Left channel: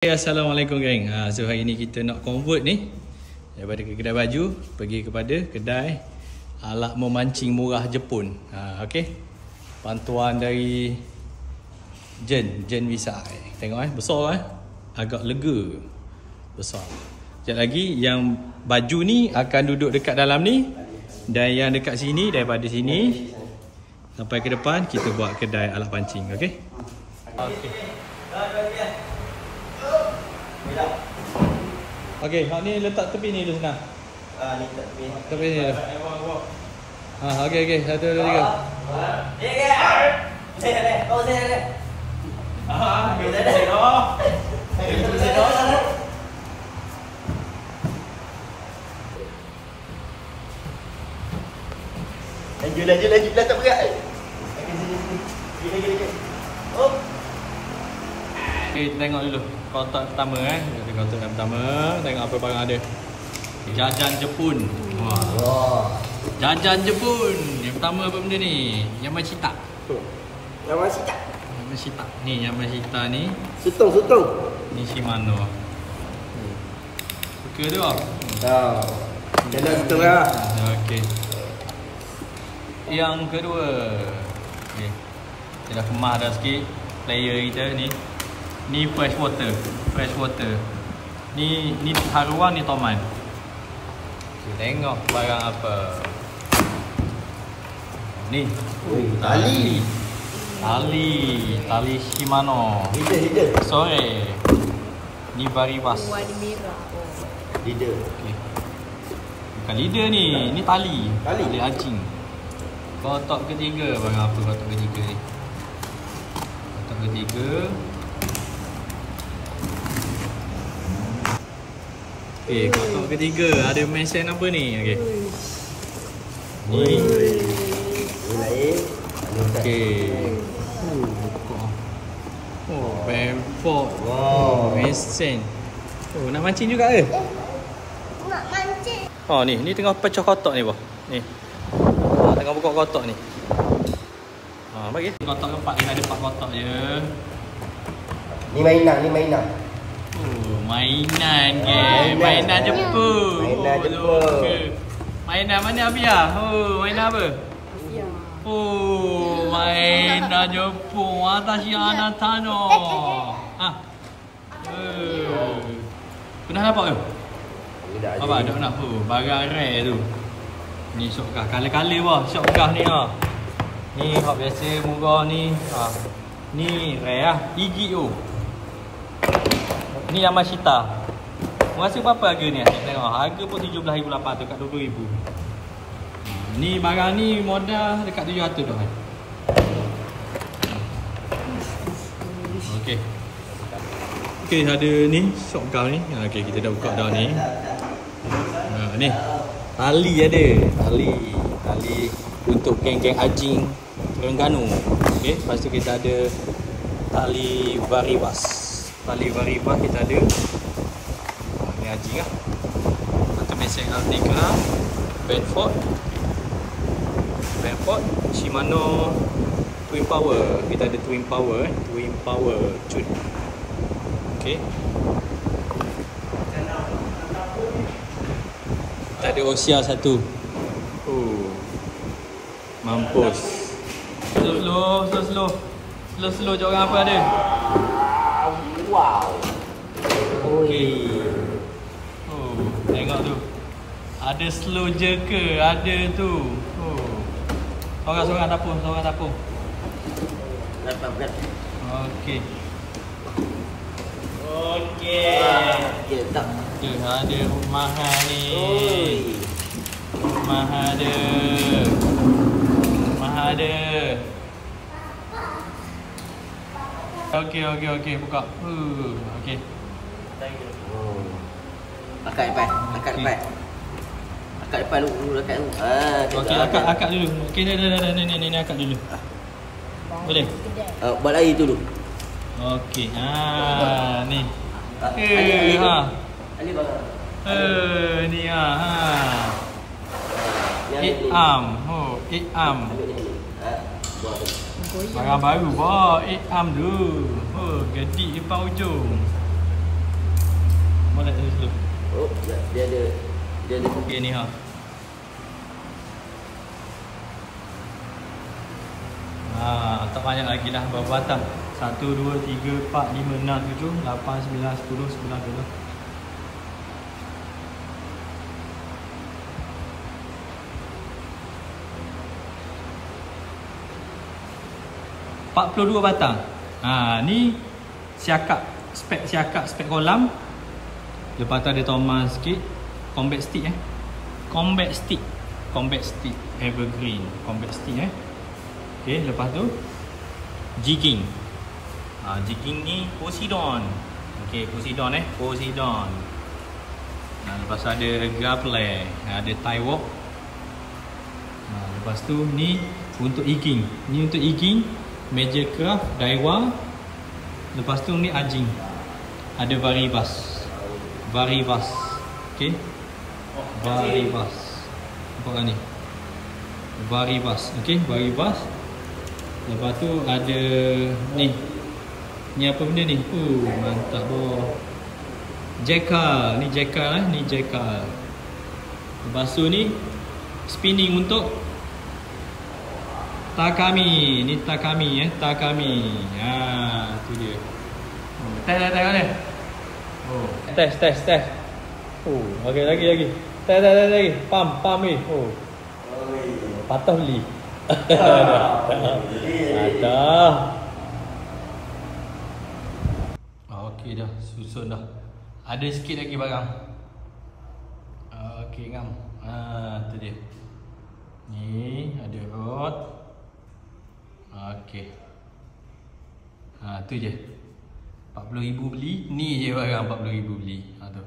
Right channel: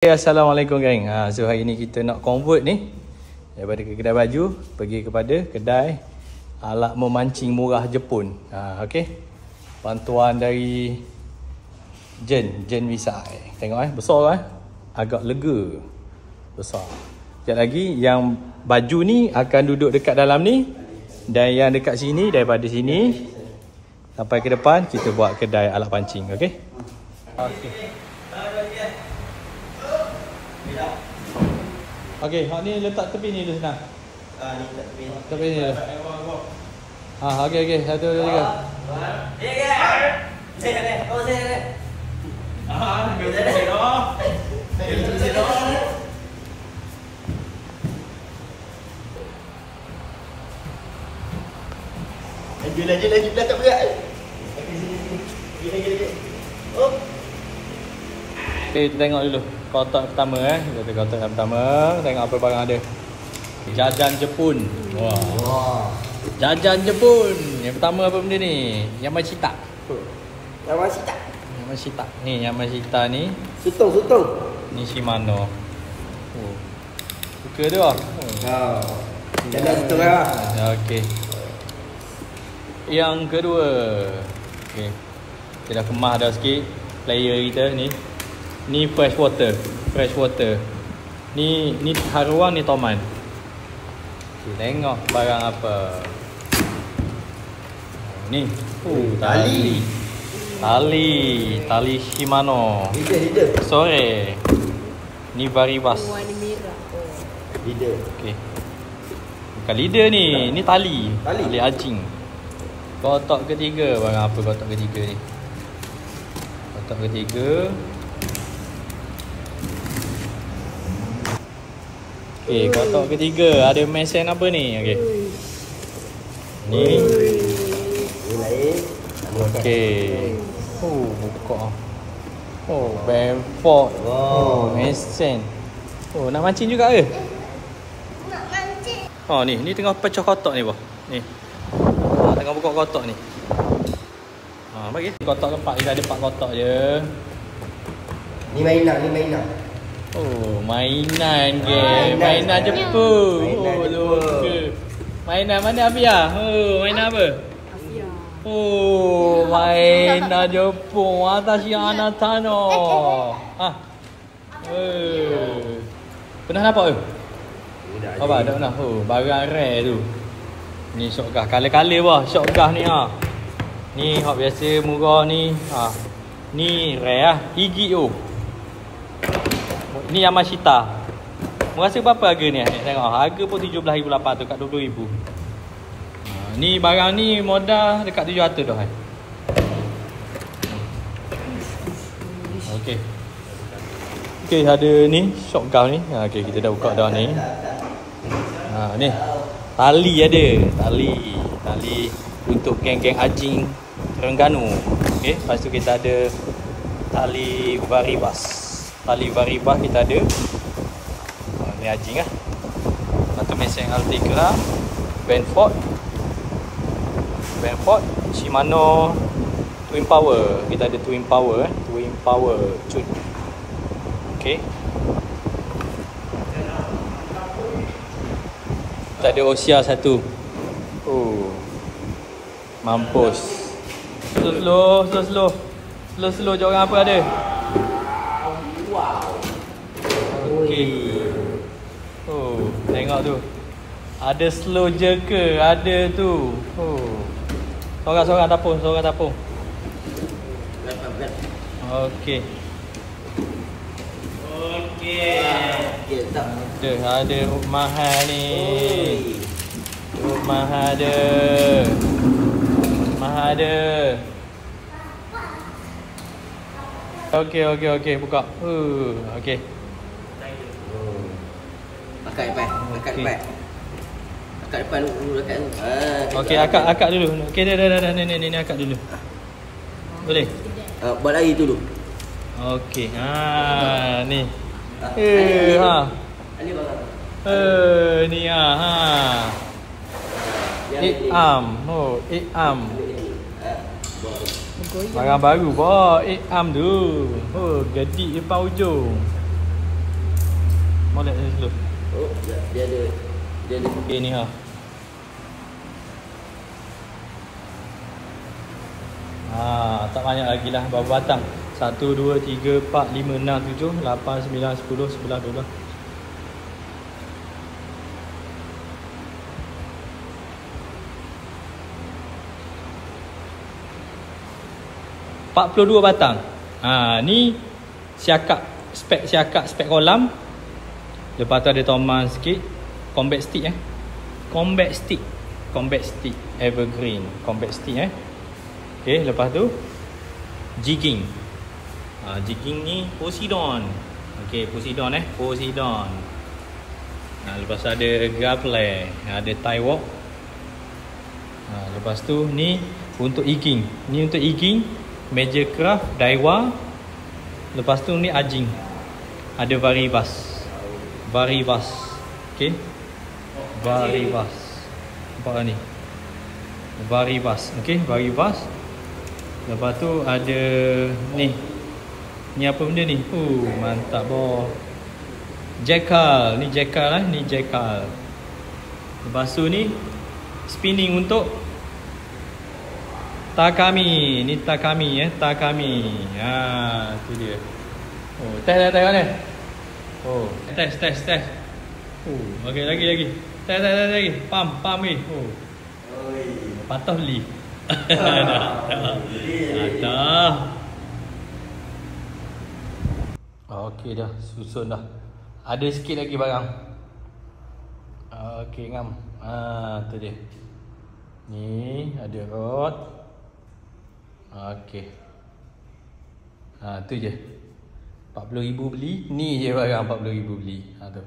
Assalamualaikum geng. So hari ni kita nak convert ni daripada kedai baju pergi kepada kedai alat memancing murah Jepun. Okey. Bantuan dari Jen Visa. Tengok besar agak lega. Besar. Sekejap lagi yang baju ni akan duduk dekat dalam ni dan yang dekat sini daripada sini sampai ke depan kita buat kedai alat pancing. Okey. Okey, hak ni letak tepi ni dulu senang. Ni letak tepi. Tepi ni. Okey. 1, 2, 3. Saya. Laju dah tak berat. Lagi. Oh. Okay, tengok dulu kotak pertama Kita kotak pertama, tengok apa barang ada. Jajan Jepun. Wah. Jajan Jepun. Yang pertama apa benda ni? Yamashita. Ni Yamashita ni. Sutong. Ni Shimano. Suka tu ah. Jalan sutong lah. Okey. Yang kedua. Okey. Kita dah kemas dah sikit player kita ni. Ni fresh water. Ni haruan, ni toman. Tengok barang apa. Ni. Tali Shimano. Leader. Sore. Ni Varibas. Warna merah. Leader. Okey. Bukan leader ni. Ni tali anjing. Kotak ketiga. Barang apa kotak ketiga ni? Kotak ketiga. Okey, kotak ketiga ada mesin apa ni? Okey. Ni. Lain. Okey. Buka. Benford. Mesin. Nak mancing juga ke? Nak mancing. Ni tengah pecah kotak ni, Ni. Tengah buka kotak ni. Bagi. Kotak keempat dia ada 4 kotak je. Ni mainan. Mainan ke? Mainan Jepun. Mainan mana Abia? Mainan apa? Asia. Mainan Jepun. Watashi anata no. Pernah nampak ke? Apa dah. Barang rare tu. Ni shotgun. Kala-kala shotgun ni Ni hak biasa murah ni. Ni rare Higi tu. Ni Yamashita. Rasa berapa harga ni? Tengok harga pun 17,800 kat 20,000. Ni barang ni modal dekat 700 dah. Okey, ada ni shotgun ni. Okey, kita dah buka dah ni. Ni tali ada. Tali untuk geng-geng anjing Terengganu. Okey, lepas tu kita ada tali Varibas. Kita ada. Ni anjing lah. Satu mesin Altegra, Benford, Shimano Twin Power. Kita ada Twin Power cut. Okey. Kita ada Osia satu. Mampus. Slow jangan apa ada. Wow. Okey. Tengok tu. Ada slow je ke? Ada tu. Sorang tapung. Berat. Okey. Tak. Ada mahal ni. Mahal ada. Okey, buka. Okey. Akak depan. Akak depan dulu. Okey, akak dulu. Okey, dah. Ni akak dulu. Boleh? Buat lagi dulu. Okey. Ni. Ali barang. Ni Ikam. Barang baru. Ikam tu. Gedik depan ujung. Dia ada Okey ni ha. Tak banyak lagi lah berapa batang. 1, 2, 3, 4, 5, 6, 7, 8, 9, 10, 11, 12. ...42 batang. Ni siakak, spek kolam. Lepas tu ada toman sikit. Combat stick Combat stick evergreen. Combat stick Okay, lepas tu jigging. Jigging ni Poseidon. Okay, Poseidon Poseidon. Lepas tu ada grappler, ada tie walk. Lepas tu ni untuk egging. Ni untuk egging Major Craft, Daiwa. Lepas tu ni ajing. Ada Varibas. Okay, Varibas. Nampak tak ni? Varibas. Okay, Varibas. Lepas tu ada ni. Ni apa benda ni? Mantap boh. Jackal. Ni Jackal Ni Jackal. Lepas tu ni spinning untuk Takami. Ni Takami Takami. Tu dia. Test kan? Test. Lagi. Test lagi. Pam ni. Patah beli. Patah. Okey dah, susun dah. Ada sikit lagi barang. Okey ngam. Tu dia. Ni ada rod. Okey. Tu je. 40,000 beli. Ni je barang 40,000 beli. Tu.